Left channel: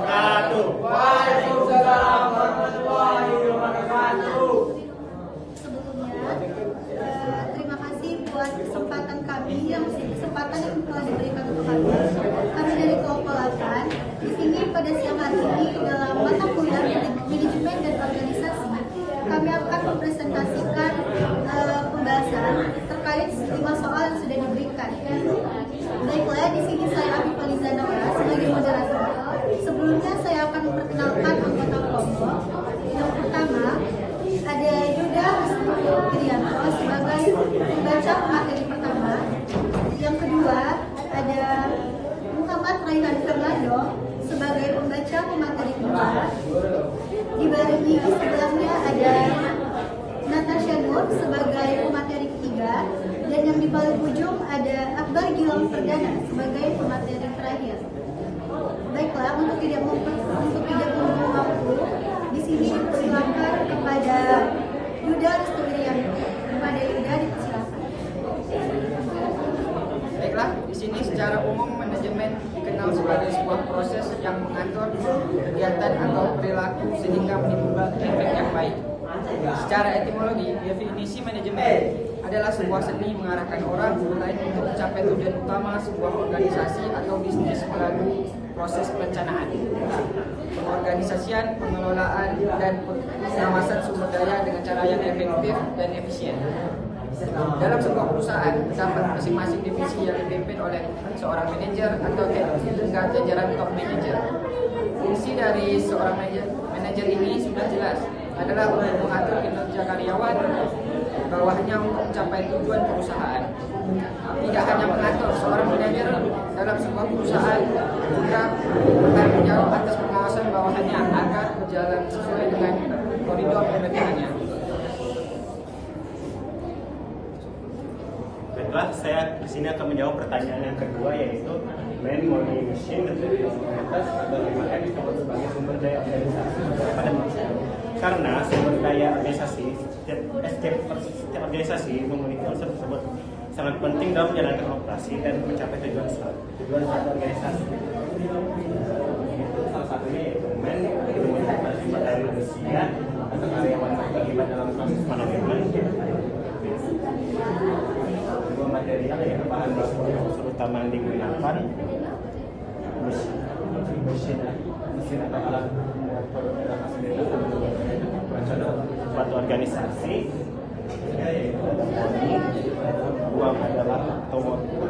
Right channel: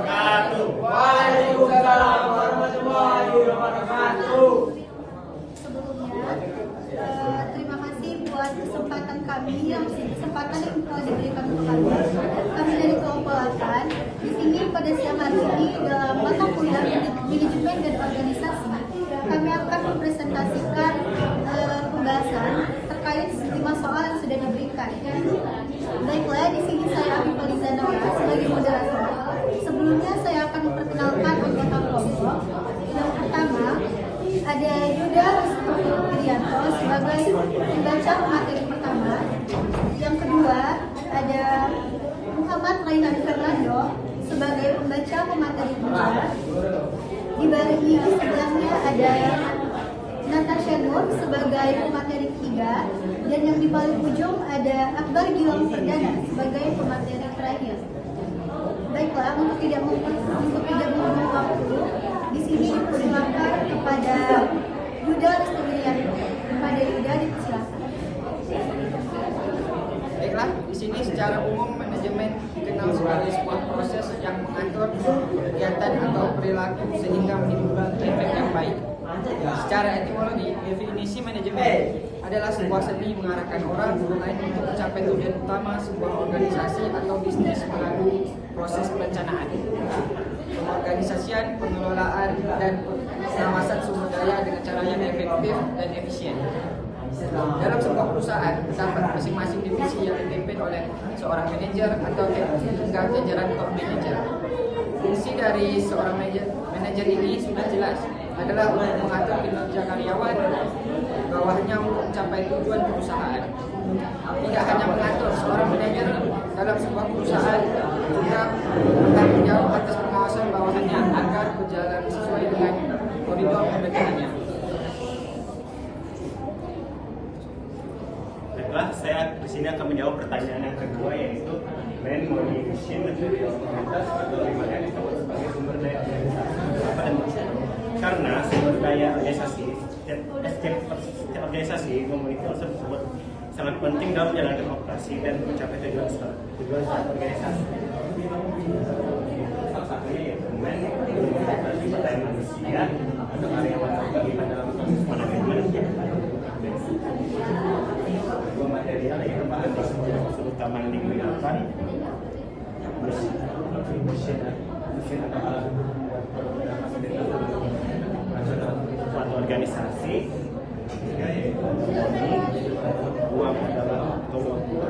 wabarakatuh. Waalaikumsalam warahmatullahi wabarakatuh. Sebelumnya, terima kasih buat kesempatan yang telah diberikan untuk kami. Kami dari Keopolatan di sini pada siang hari ini dalam mata kuliah manajemen dan organisasi. Kami akan mempresentasikan pembahasan terkait sejumlah soal yang sudah diberikan. Baiklah, di sini saya Abi Faliza Nora sebagai moderator. Sebelumnya saya akan memperkenalkan anggota kelompok. Yang pertama ada Yuda Wirianto sebagai pembaca materi pertama. Yang kedua ada Muhammad Raihan Fernando sebagai pembaca materi kedua. Di sebelahnya ada Natasha Nur sebagai pemateri ketiga, dan yang di paling ujung ada Akbar Gilang Perdana sebagai pemateri terakhir. Baiklah, untuk tidak membuang waktu, di sini dipersilakan kepada Yuda Wirianto. Kepada Yuda dipersilakan. Baiklah, di sini secara umum manajemen dikenal sebagai sebuah proses yang mengatur kegiatan atau perilaku sehingga menimbulkan efek yang baik. Secara etimologi, definisi manajemen adalah sebuah seni mengarahkan orang lain untuk mencapai tujuan utama sebuah organisasi atau bisnis melalui proses perencanaan, pengorganisasian, pengelolaan, dan pengawasan sumber daya dengan cara yang efektif dan efisien. Dalam sebuah perusahaan, terdapat masing-masing divisi yang dipimpin oleh seorang manajer atau head hingga jajaran top manager. Fungsi dari seorang manajer ini sudah jelas, adalah untuk mengatur kinerja karyawan bawahnya untuk mencapai tujuan perusahaan. Tidak hanya mengatur, seorang manajer dalam sebuah perusahaan juga bertanggung jawab atas pengawasan bawahannya agar berjalan sesuai dengan koridor pekerjaannya. Baiklah, saya di sini akan menjawab pertanyaan yang kedua, yaitu man motivation dan komunitas bagaimana disebut sebagai sumber daya organisasi pada manusia. Karena sumber daya organisasi, setiap organisasi memiliki unsur tersebut sangat penting dalam menjalankan operasi dan mencapai tujuan suatu organisasi. Salah satunya yaitu man pada sumber daya manusia atau karyawan terlibat dalam proses manajemen. Dua material yaitu bahan baku utama yang digunakan, mesin atau alat membuat produk dan fasilitas untuk perencanaan suatu organisasi, yaitu ada money, uang adalah atau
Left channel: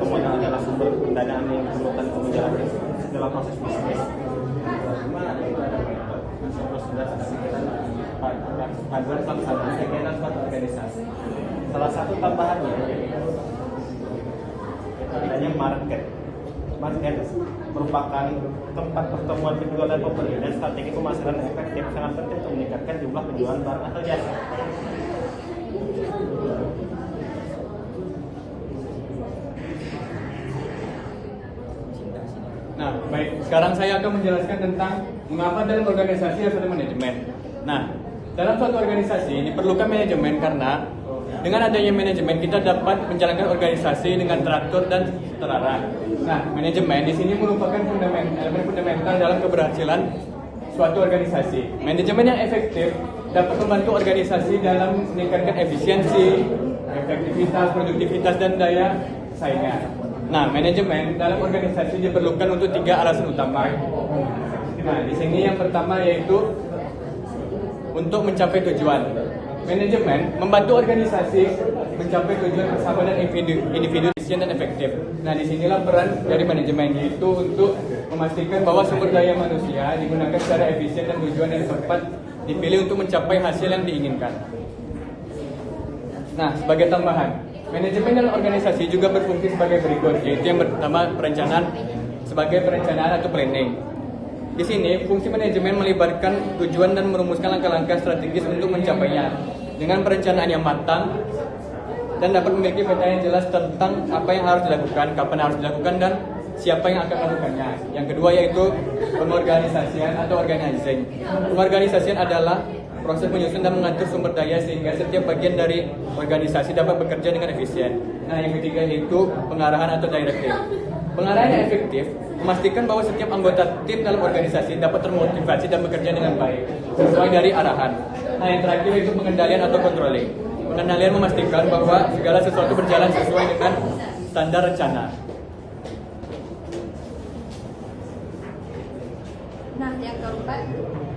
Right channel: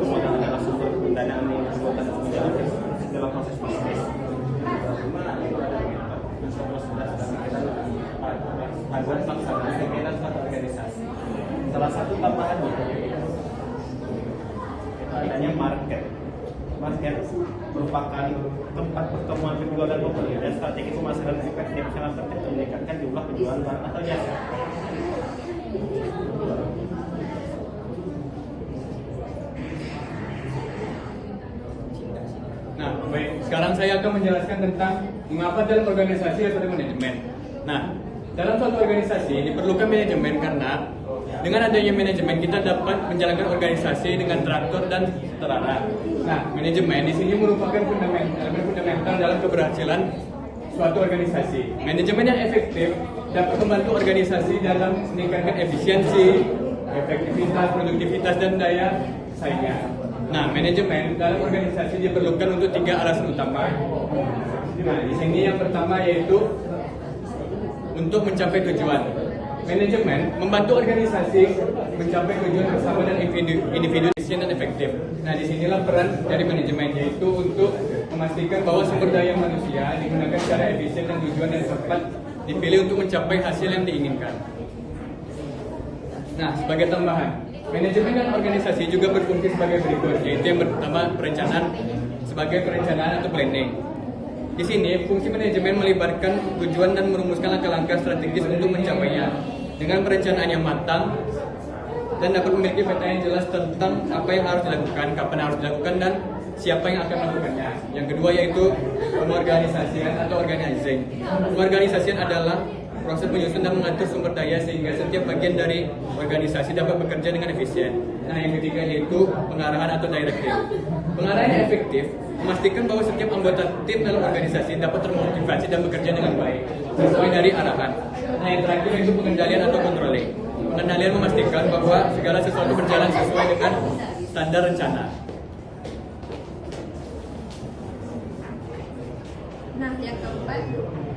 modal adalah sumber pendanaan yang diperlukan untuk menjalankan dalam proses bisnis. Kedua yaitu ada metode atau prosedur kegiatan panduan pelaksanaan kegiatan suatu organisasi. Salah satu tambahannya yaitu adanya market. Market merupakan tempat pertemuan penjual dan pembeli dan strategi pemasaran efektif sangat penting untuk meningkatkan jumlah penjualan barang atau jasa. Nah, baik. Sekarang saya akan menjelaskan tentang mengapa dalam organisasi ada manajemen. Nah, dalam suatu organisasi diperlukan manajemen karena dengan adanya manajemen kita dapat menjalankan organisasi dengan teratur dan terarah. Nah, manajemen di sini merupakan elemen fundamental dalam keberhasilan suatu organisasi. Manajemen yang efektif dapat membantu organisasi dalam meningkatkan efisiensi, efektivitas, produktivitas, dan daya saingnya. Nah, manajemen dalam organisasi diperlukan untuk 3 alasan utama. Nah, di sini yang pertama yaitu untuk mencapai tujuan. Manajemen membantu organisasi mencapai tujuan bersama dan individu efisien dan efektif. Nah, disinilah peran dari manajemen, yaitu untuk memastikan bahwa sumber daya manusia digunakan secara efisien dan tujuan yang tepat dipilih untuk mencapai hasil yang diinginkan. Nah, sebagai tambahan, manajemen dan organisasi juga berfungsi sebagai berikut, yaitu yang pertama perencanaan atau planning. Di sini, fungsi manajemen melibatkan tujuan dan merumuskan langkah-langkah strategis untuk mencapainya dengan perencanaan yang matang dan dapat memiliki peta yang jelas tentang apa yang harus dilakukan, kapan harus dilakukan, dan siapa yang akan melakukannya. Yang kedua yaitu pengorganisasian atau organizing. Pengorganisasian adalah proses menyusun dan mengatur sumber daya sehingga setiap bagian dari organisasi dapat bekerja dengan efisien. Nah, yang ketiga yaitu pengarahan atau directive. Pengarahan yang efektif memastikan bahwa setiap anggota tim dalam organisasi dapat termotivasi dan bekerja dengan baik sesuai dari arahan. Nah, yang terakhir itu pengendalian atau controlling. Pengendalian memastikan bahwa segala sesuatu berjalan sesuai dengan standar rencana. Nah, yang keempat,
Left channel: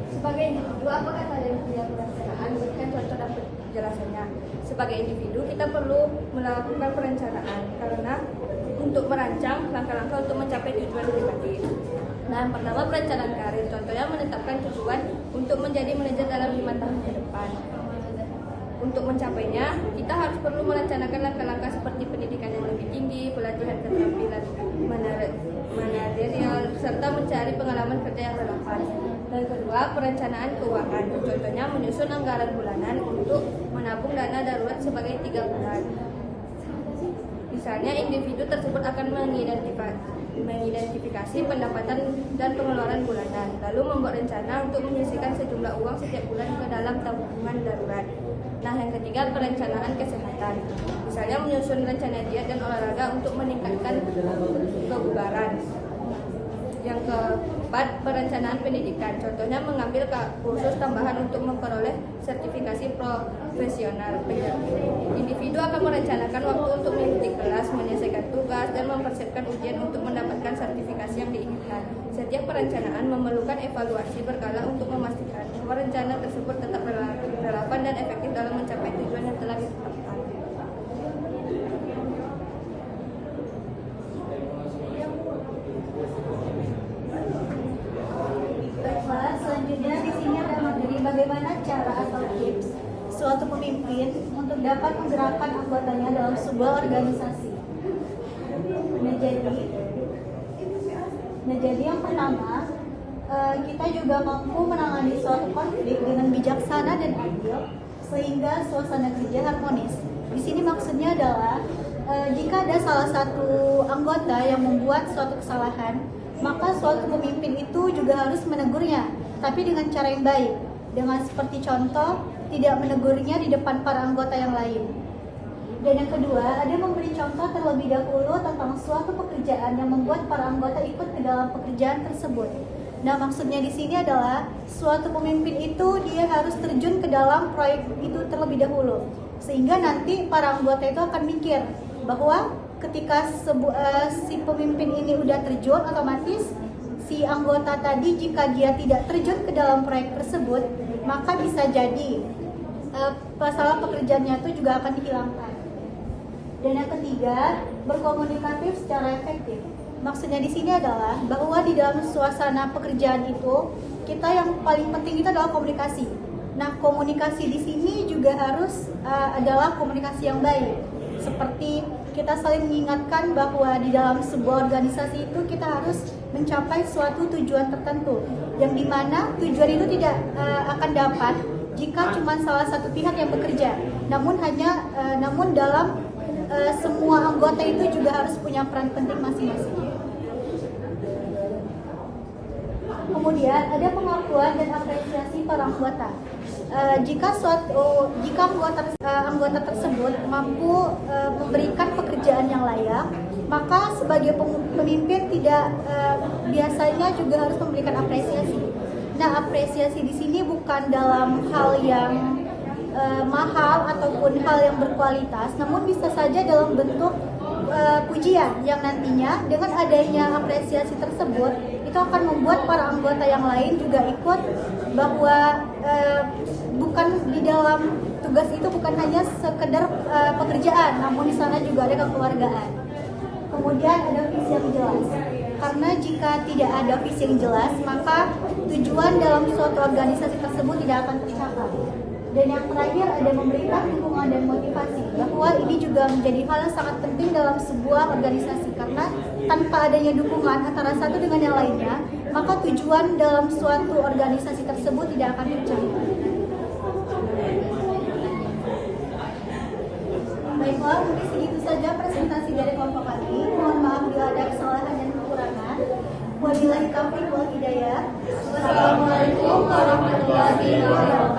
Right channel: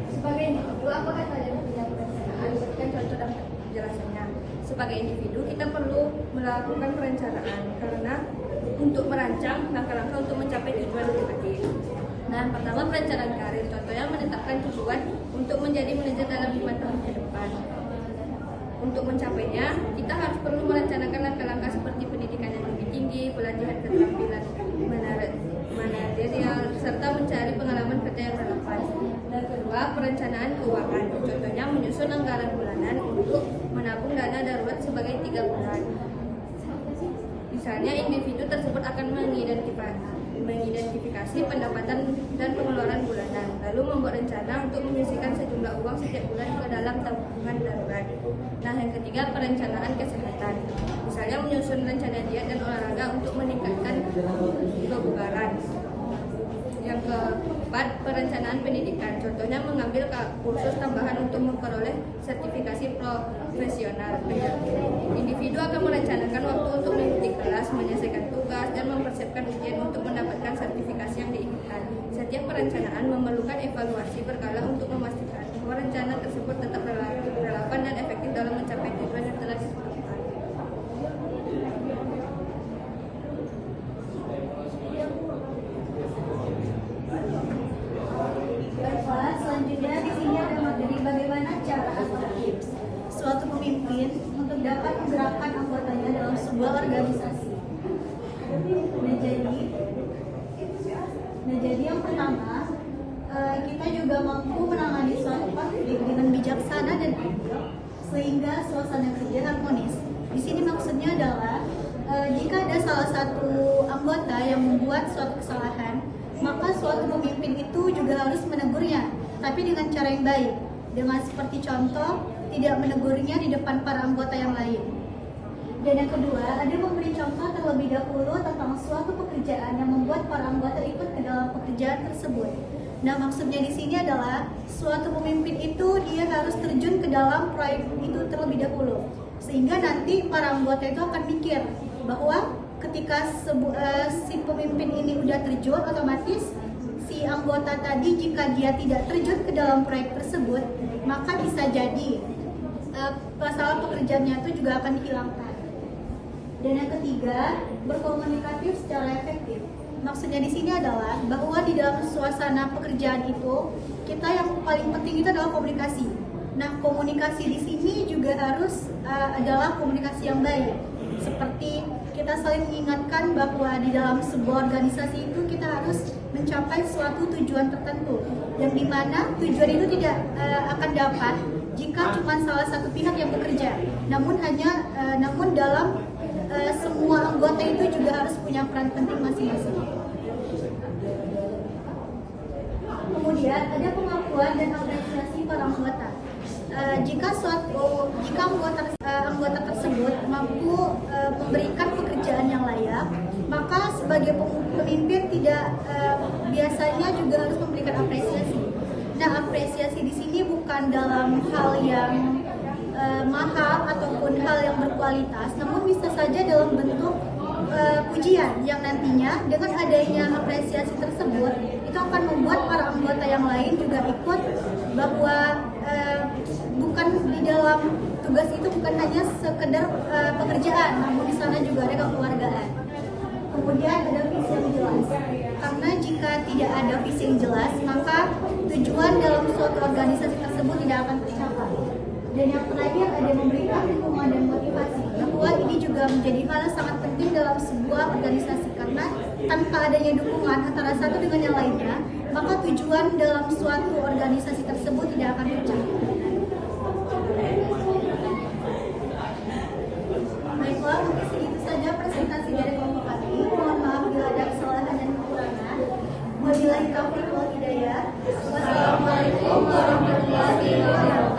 sebagai individu, apakah kalian punya perencanaan? Berikan contoh dan penjelasannya. Sebagai individu, kita perlu melakukan perencanaan karena untuk merancang langkah-langkah untuk mencapai tujuan pribadi. Nah, yang pertama perencanaan karir. Contohnya menetapkan tujuan untuk menjadi manajer dalam 5 tahun ke depan. Untuk mencapainya, kita harus perlu merencanakan langkah-langkah seperti pendidikan yang lebih tinggi, pelatihan keterampilan manajerial, serta mencari pengalaman kerja yang relevan. Dan kedua, perencanaan keuangan. Contohnya menyusun anggaran bulanan untuk menabung dana darurat sebagai 3 bulan. Misalnya, individu tersebut akan mengidentifikasi pendapatan dan pengeluaran bulanan, lalu membuat rencana untuk menyisihkan sejumlah uang setiap bulan ke dalam tabungan darurat. Nah, yang ketiga, perencanaan kesehatan. Misalnya menyusun rencana diet dan olahraga untuk meningkatkan kebugaran. Yang keempat, perencanaan pendidikan. Contohnya mengambil kursus tambahan untuk memperoleh sertifikasi profesional. Individu akan merencanakan waktu untuk mengikuti kelas, menyelesaikan tugas, dan mempersiapkan ujian untuk mendapatkan sertifikasi yang diinginkan. Setiap perencanaan memerlukan evaluasi berkala untuk memastikan bahwa rencana tersebut tetap relevan dan efektif dalam mencapai tujuan yang telah ditetapkan. Baiklah, selanjutnya di sini ada materi bagaimana cara atau tips suatu pemimpin untuk dapat menggerakkan anggotanya dalam sebuah organisasi. Nah, jadi yang pertama, kita juga mampu menangani suatu konflik dengan bijaksana dan adil sehingga suasana kerja harmonis. Di sini maksudnya adalah jika ada salah satu anggota yang membuat suatu kesalahan, maka suatu pemimpin itu juga harus menegurnya, tapi dengan cara yang baik. Dengan seperti contoh, tidak menegurnya di depan para anggota yang lain. Dan yang kedua, ada memberi contoh terlebih dahulu tentang suatu pekerjaan yang membuat para anggota ikut ke dalam pekerjaan tersebut. Nah, maksudnya di sini adalah suatu pemimpin itu dia harus terjun ke dalam proyek itu terlebih dahulu, sehingga nanti para anggota itu akan mikir bahwa ketika si pemimpin ini udah terjun, otomatis si anggota tadi jika dia tidak terjun ke dalam proyek tersebut, maka bisa jadi masalah pekerjaannya itu juga akan dihilangkan. Dan yang ketiga, berkomunikatif secara efektif. Maksudnya di sini adalah bahwa di dalam suasana pekerjaan itu, kita yang paling penting itu adalah komunikasi. Nah, komunikasi di sini juga harus adalah komunikasi yang baik. Seperti kita saling mengingatkan bahwa di dalam sebuah organisasi itu kita harus mencapai suatu tujuan tertentu, yang dimana tujuan itu tidak akan dapat jika cuma salah satu pihak yang bekerja. Namun dalam semua anggota itu juga harus punya peran penting masing-masing. Kemudian ada pengakuan dan apresiasi para anggota. Jika anggota tersebut mampu memberikan pekerjaan yang layak, maka sebagai pemimpin biasanya juga harus memberikan apresiasi. Nah, apresiasi di sini bukan dalam hal yang mahal ataupun hal yang berkualitas, namun bisa saja dalam bentuk pujian yang nantinya dengan adanya apresiasi tersebut itu akan membuat para anggota yang lain juga ikut bahwa bukan di dalam tugas itu bukan hanya sekedar pekerjaan, namun di sana juga ada kekeluargaan. Kemudian ada visi yang jelas, karena jika tidak ada visi yang jelas, maka tujuan dalam suatu organisasi tersebut tidak akan tercapai. Dan yang terakhir ada memberikan dukungan dan motivasi, bahwa ini juga menjadi hal yang sangat penting dalam sebuah organisasi, karena tanpa adanya dukungan antara satu dengan yang lainnya, maka tujuan dalam suatu organisasi tersebut tidak akan tercapai. Baiklah, mungkin segitu saja presentasi dari kelompok kami. Mohon maaf bila ada kesalahan dan kekurangan. Wabillahi taufiq wal hidayah. Wassalamualaikum warahmatullahi wabarakatuh.